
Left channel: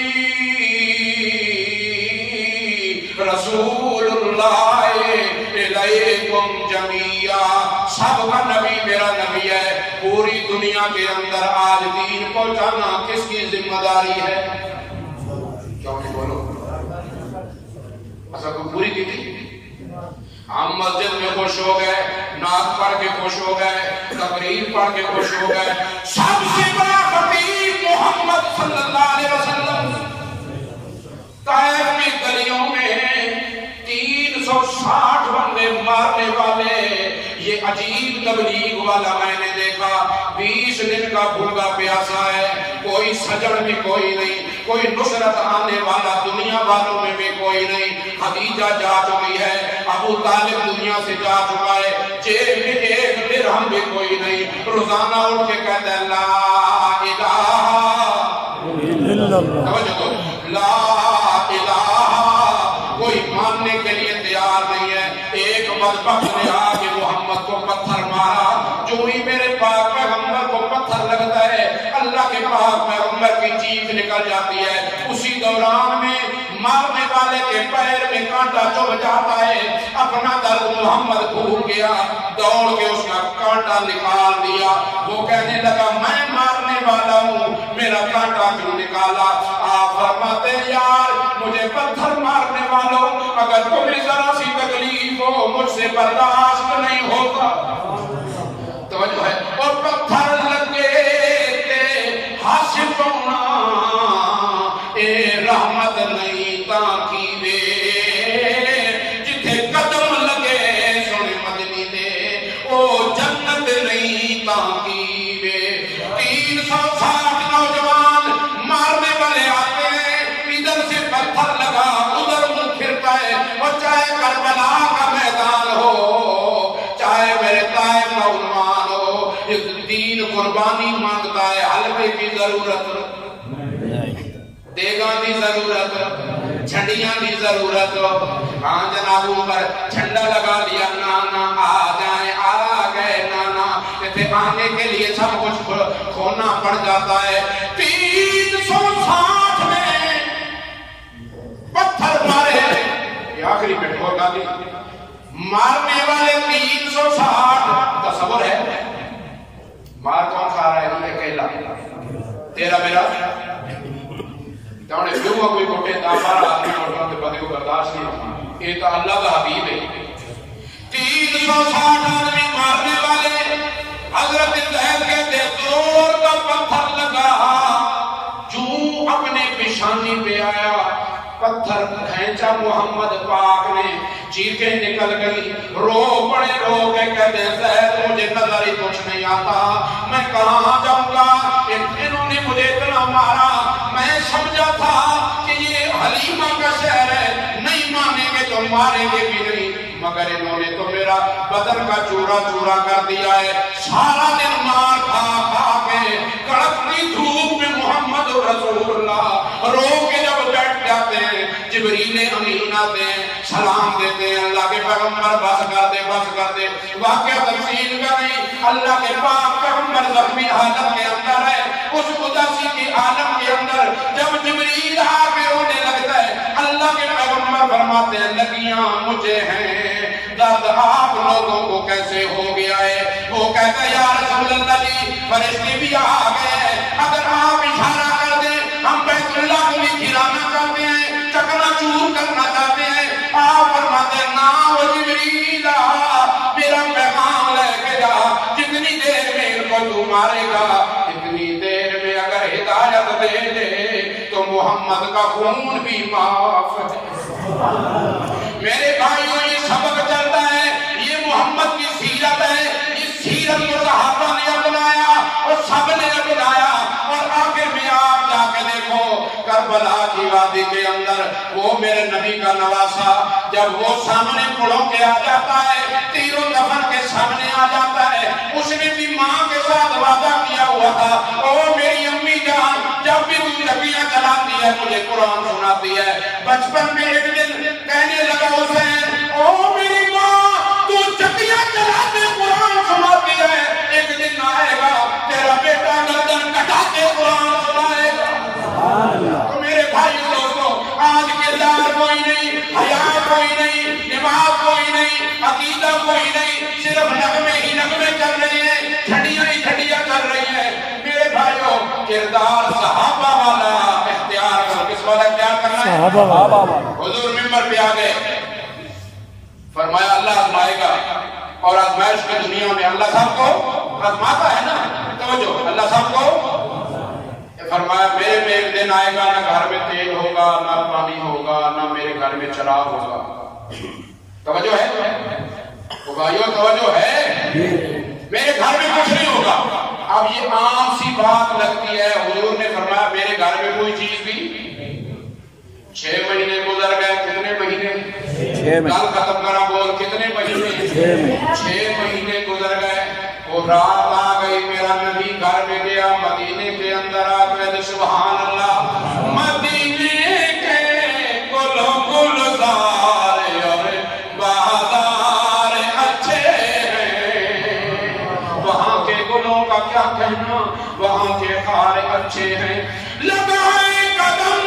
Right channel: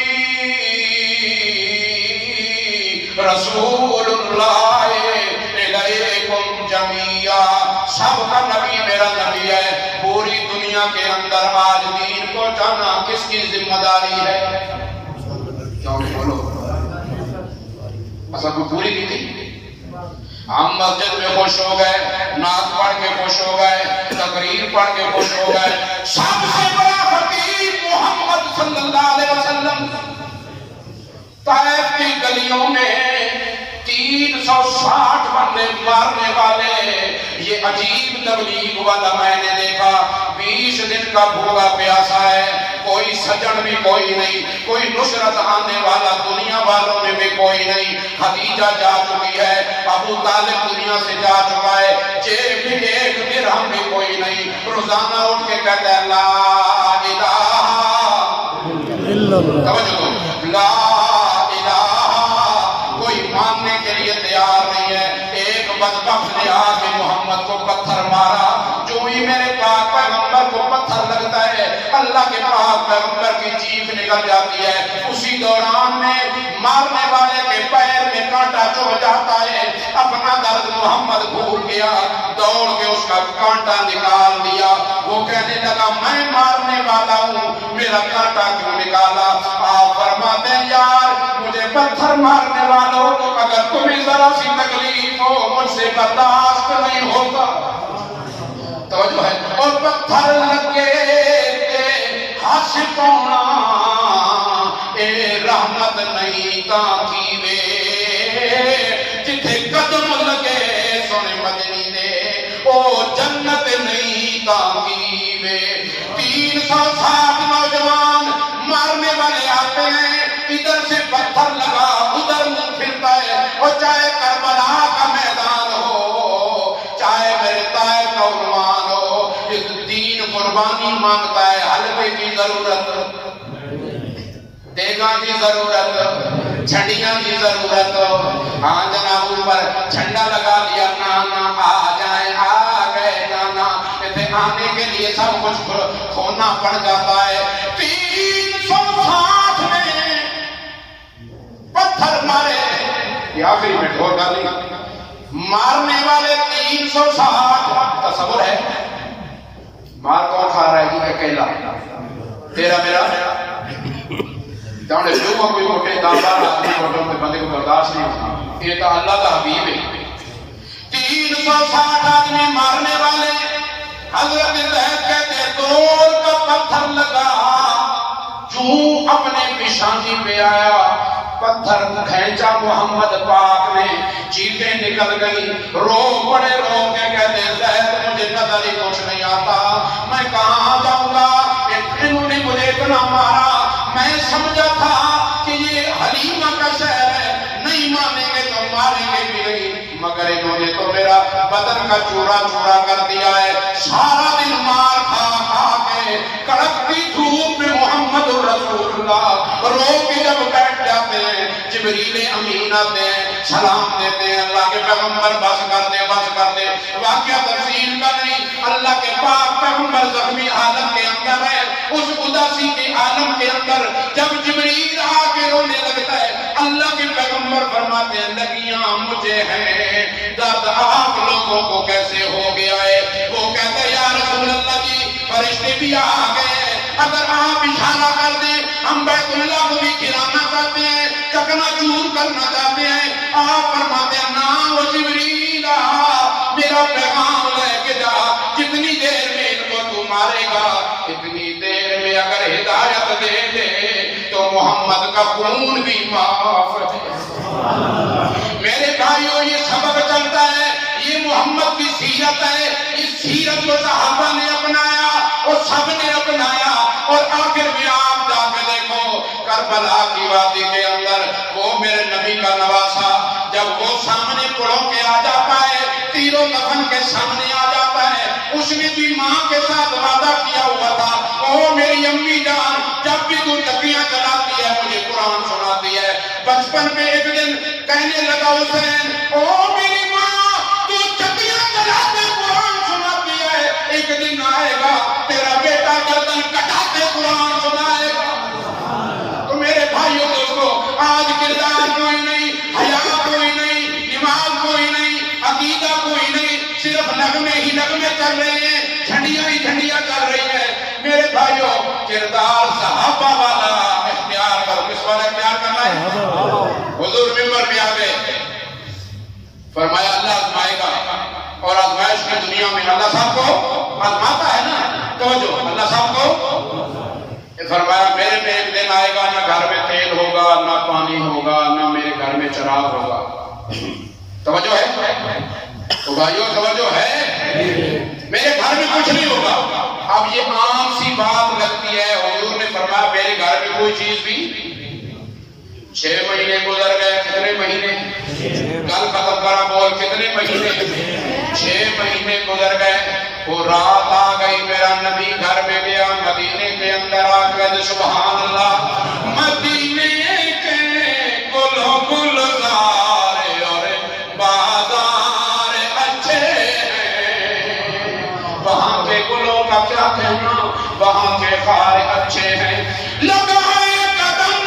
رسول اللہ الیکم جمیعا سب کا نبی میرا نبی ہے پوری دنیا کے اندر آج دین پہنچانا کس کی ذمہ داری ہے کیوں نہیں بولو ایسا کوئی پوری کی تھی ہم مسجد میں خوش ہو گئے نعت پڑھ کے خوش ہو گئے تقریر پڑھ کے خوش ہو گئے سب سے بڑا خطیب محمد صلی اللہ علیہ وسلم طائف کی گلیوں میں 360 بندے مارنے والے یہ عجیب تبلیغ والا میں نے دیکھا 20 دن کا بھوکا پیاسا ہے کوئی سجن بھی کوئی نہیں کوئی نصرت آنے والا دنیا والوں میں بھی کوئی نہیں خدیجہ جا چکی ہے ابو طالب دنیا سے جا چکا ہے جیب میں 1 درہم بھی کوئی نہیں روزانہ اٹھ کے کہتا ہے لا الہ الا اللہ، لا الہ، کوئی ماننے کے لیے تیار نہیں ہے۔ ایک بدبخت نے آ کے محمد کو پتھر مارا، جو ہی میرے پاک پیغمبر کو پتھر لگتا ہے اللہ کے پاک پیغمبر کی چیخ نکل جاتی ہے۔ اسی دوران میں مارنے والے کے پیر میں کانٹا چبھ جاتا ہے، اپنا درد محمد بھول گیا، دوڑ کے اس کا کانٹا نکال دیا۔ وہ کہنے لگا میں مارنے والا ہوں، میرا کانٹا کیوں نکالا؟ آپ فرماتے ہیں یار مجھے پتھر مارنے والوں، اگر تمہیں ذرا سی تکلیف ہو مجھ سے برداشت نہیں ہوتا۔ توجہ ہے، اور پتھر لگے ہس پونا اے رحمت نہیں تاکی وے، جتھے قدم لگے سونے مدنی دے او جنت نہیں تاکی وے۔ 360 نوجوان مارنے والے آتے ہیں، ادھر سے پتھر لگا ادھر منہ پھرتا ہے، اور چاہے کربلا کا میدان ہو چاہے میرے طائف کا عنوان ہو، اس دین قربانی مانگتا ہے، حلوے کی ضرورت، دیگاں کی ضرورت، چھڑیاں کی ضرورت۔ ہاں جناب اوپر جھنڈا لگا لیا، نانا آ جائیں، آ گئے نانا، کہتے آنے کے لیے سب کچھ کھونا پڑ جاتا ہے۔ 360 میں پتھر مارے، یہ آخری میں ڈھول گالی، مارنے والے 360، تصور ہے مار کون کھا رہا ہے جی؟ اکیلا، تیرا میرا جانے جو کوئی موٹے دامار آدمی موٹوں کے بندے کو برداشت نہیں ہوتا، یہ تو اللہ کا حبیب ہے۔ 360 آدمی مارنے والے، حضرت زید کہتے دور کا پتھر لگا، جو اپنے پیشانی پہ آیا پتھر کھینچا محمد پاک نے، چیخیں نکل گئی، رو پڑے، رو کے کہتے زید مجھے نظر ہی کچھ نہیں آتا، میں کہاں جاؤں گا؟ انہوں نے مجھے اتنا مارا، میں سمجھا تھا کہ یہ حلیمہ کا شہر ہے، نہیں مانیں گے تو ماریں گے بھی نہیں، مگر انہوں نے تو میرا بدن کا چورا چورا کر دیا ہے۔ سارا دن مار کھا کھا کے کڑکتی دھوپ میں محمد رسول اللہ رو کے جب بیٹھ جاتے ہیں، جبریل امین آتے ہیں، سلام دیتے ہیں، اللہ کے پیغمبر بس کر دے بس کر دے، واقعہ تفصیل کا نہیں، اللہ کے پاک پیغمبر زخمی حالت کے اندر ہے، اس اداسی کے عالم کے اندر جب جبریل آ کے رونے لگتا ہے، اللہ کے پیغمبر فرماتے ہیں لگیاں مجھے ہیں، درد آپ لوگوں کو کیسے ہو گیا ہے؟ وہ کہتا ہے یا رسول اللہ جی فرشتے بھی آ گئے ہیں، اگر آپ اشارہ کر دیں ہم بیت اللہ کو بھی گرانا چاہتے ہیں، چکنا چور کرنا چاہتے ہیں۔ آپ فرماتے ہیں نا وہ جبریل میرا پیغام لے کے جا، جتنی دیر میں ان کو تو مارے گا اتنی دیر میں اگر ہدایت دے دے تو محمد کا خون بھی معاف ہے۔ میرے بھائیوں یہ سبق چلتا ہے، یہ محمد کی سیرت ہے، اس سیرت کو صحابہ نے اپنایا اور سب نے اپنایا، اور آخر میں آپ جا کے دیکھو کربلا کی وادی کے اندر وہ میرے نبی کا نواسا جب وہ سامنے پڑوں کے آ جاتا ہے، تیروں دفن کے سامنے آ جاتا ہے، اس نے بھی ماں کے ساتھ وعدہ کیا ہوا تھا، او میری امی جان جب بھی تو چکیاں چلاتی ہے مجھے قرآن سناتی ہے۔ بچپن میں ایک دن کہنے لگا حسین او میری ماں تو چکیاں چلاتے قرآن سناتی ہے، ایک دن آئے گا تیرا بیٹا گردن کٹاتے قرآن سنائے گا۔ تو میرے بھائیوں دوستو آج کردار کوئی نہیں، حیا کوئی نہیں، نماز کوئی نہیں، عقیدہ کوئی نہیں، صرف نغمے ہی نغمے چل رہے ہیں، جھنڈیاں ہی جھنڈیاں چل رہی ہیں۔ میرے بھائیوں کردار صحابہ والا اختیار کرو۔ کس والا اختیار کرنا ہے؟ صحابہ والا۔ حضور ممبر پہ آ گئے، فرمایا اللہ آزمائے گا، اور آزمائش کی دنیا میں اللہ صاحب کو آزماتا ہے نا، توجہ اللہ صاحب کو فرمایا میرے میں ایک دن آئے گا نہ گھر میں تیل ہوگا نہ پانی ہوگا نہ میرے گھر میں چراغ ہوگا۔ توجہ ہے تو بھائیو، توجہ ہے، میرے گھر میں کچھ نہیں ہوگا۔ اب یہ عام سی بات لگتی ہے، حضور نے فرمایا میرے گھر میں کوئی چیز بھی 6 مہینے گزر گئے، کتنے مہینے؟ کل ختم کرا بول، کتنے مہینے؟ 6 مہینے گزر گئے، وہ رات آ گئی میرا نبی گھر میں گیا مدینے کے اندر آ گئے سبحان اللہ مدینے کے گلوں گلزار اور بازار اچھے ہیں وہاں کے گلوں کا کیا کہنا وہاں کے خار اچھے ہیں لگائے قدم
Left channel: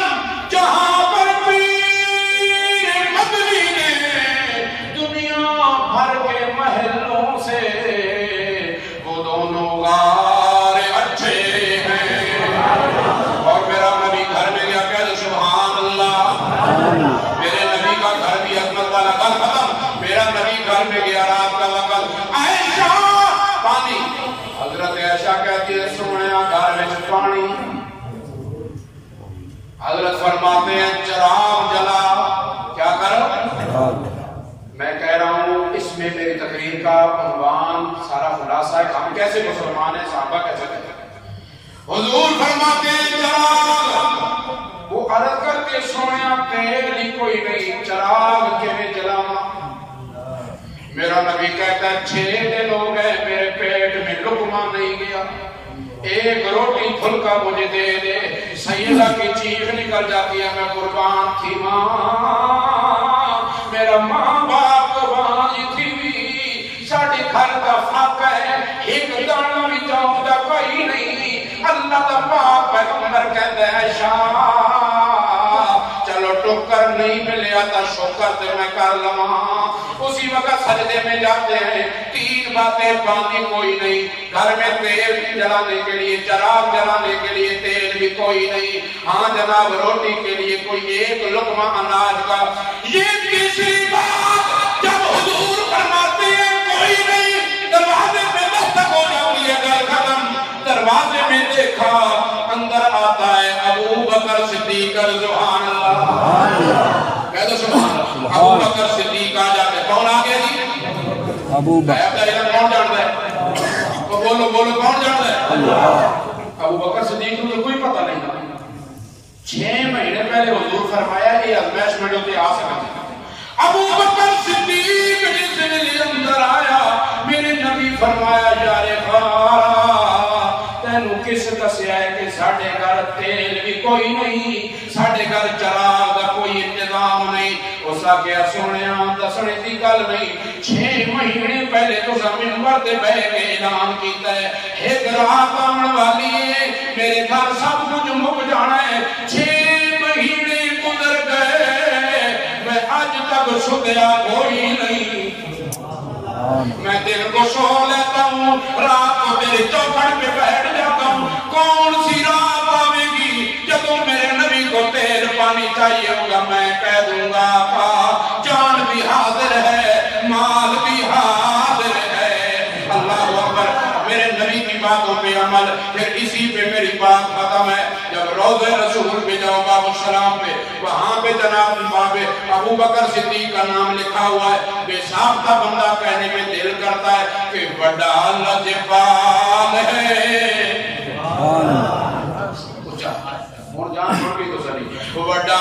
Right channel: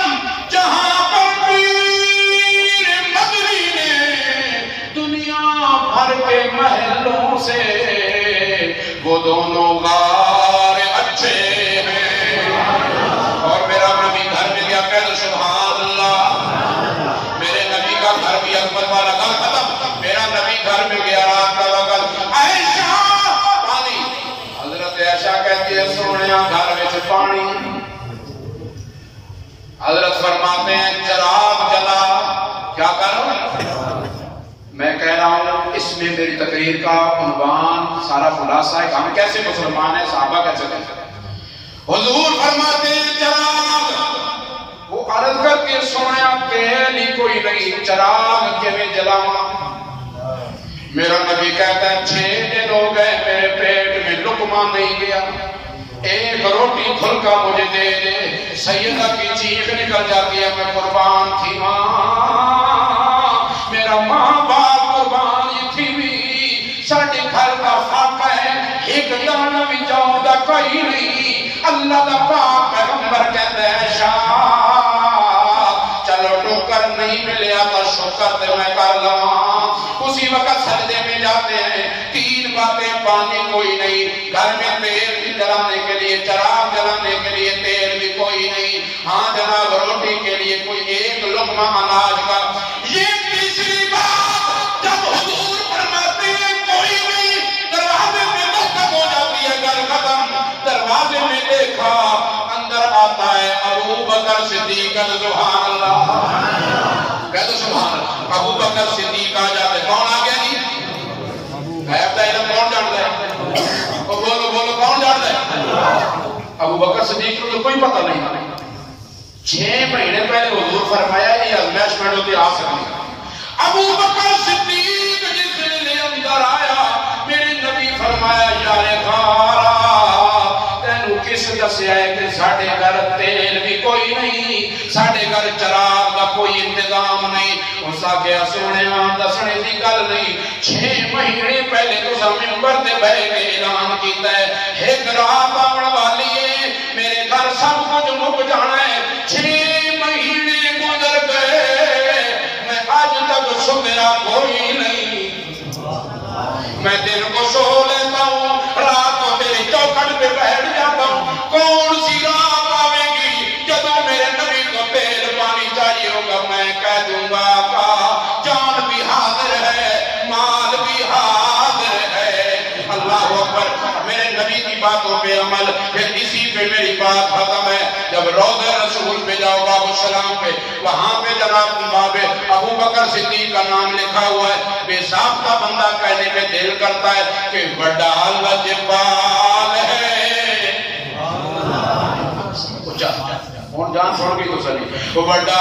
جہاں پر پیر مدنی نے دنیا بھر کے محلوں سے وہ دونوں غار اچھے ہیں اور میرا نبی گھر میں گیا کہتے سبحان اللہ میرے نبی کا گھر بھی عظمت والا گھر ختم میرا نبی گھر میں گیا رات کا وقت عائشہ پانی حضرت عائشہ کہتی ہے سونیا گھر میں پانی حضرت فرماتے ہیں چراغ جلا کیا کرو میں کہہ رہا ہوں اس میں میری تقریر کا عنوان سارا خلاصہ ہے ہم کیسے مسلمان ہیں صحابہ کیسے کہتے ہیں حضور فرماتے ہیں چراغ وہ عرض کر کے سونے تیل ہی کوئی نہیں چراغ کے میں جلاواں میرا نبی کہتا ہے 6 دن ہو گئے میرے پیٹ میں لقمہ نہیں گیا ایک روٹی پھلکا مجھے دے دے سیدہ کی چیخ نکل جاتی ہے میں قربان تھی ماں میرا ماں باپ قربان تھی بھی ساڑھے گھر کا فاق ہے ایک دانہ بھی جاؤں دا کوئی نہیں اللہ دا پاک پیغمبر کہتے ہیں شاہ چلو ٹوکر نہیں ملے آتا شکر تے میں کر لواں اسی وقت سجدے میں جاتے ہیں 3 باتیں پانی کوئی نہیں گھر میں تیل بھی جلانے کے لیے چراغ جلانے کے لیے تیل بھی کوئی نہیں ہاں جناب روٹی کے لیے کوئی ایک لقمہ اناج کا یہ تیسری بات جب حضور فرماتے ہیں کوئی نہیں دروازے میں دستک ہو جاتی ہے گھر ختم دروازے میں دیکھا اندر آتا ہے ابو بکر صدیق سبحان اللہ کہہ دو سبحان اللہ ابو بکر صدیق آ جاتے کون آ گیا جی ابو بکر کون جانتا ہے بولو بولو کون جانتا ہے ابو بکر صدیق کو تو کوئی پتہ نہیں 6 مہینے پہلے حضور فرمایا یہ ازمائش میں ہوتے آ سکتے ابو بکر صدیق جس دن اندر آیا میرے نبی فرمایا یار خارا تینو کس دسیا ہے کہ ساڑھے گھر تیل بھی کوئی نہیں ساڑھے گھر چراغ دا کوئی انتظام نہیں اس آگیا سونے دسنے دی گل نہیں 6 مہینے پہلے تو ممبر دے بہ کے اعلان کیتا ہے ایک رات آمن والی ہے میرے گھر سب کچھ مک جانا ہے 6 مہینے گزر گئے میں آج تک شکرا کوئی نہیں میں دن کو سو لیتا ہوں رات کو میرے چوکھٹ پہ بیٹھ جاتا ہوں کون سی رات آوے گی جب میرے نبی کو تیل پانی چاہیے ہوگا میں کہہ دوں گا آقا جان بھی حاضر ہے مال بھی حاضر ہے اللہ اکبر میرے نبی کی باتوں پہ عمل پھر اسی پہ میری بات ختم ہے جب روضہ رسول پہ جاؤ باب السلام پہ وہاں پہ جناب باب ابو بکر صدیق کا نام لکھا ہوا ہے بے ساختہ بندہ کہنے میں دل کرتا ہے کہ بڑا لجپال ہے جان چھوڑ گئی تو سلی وہ بڑا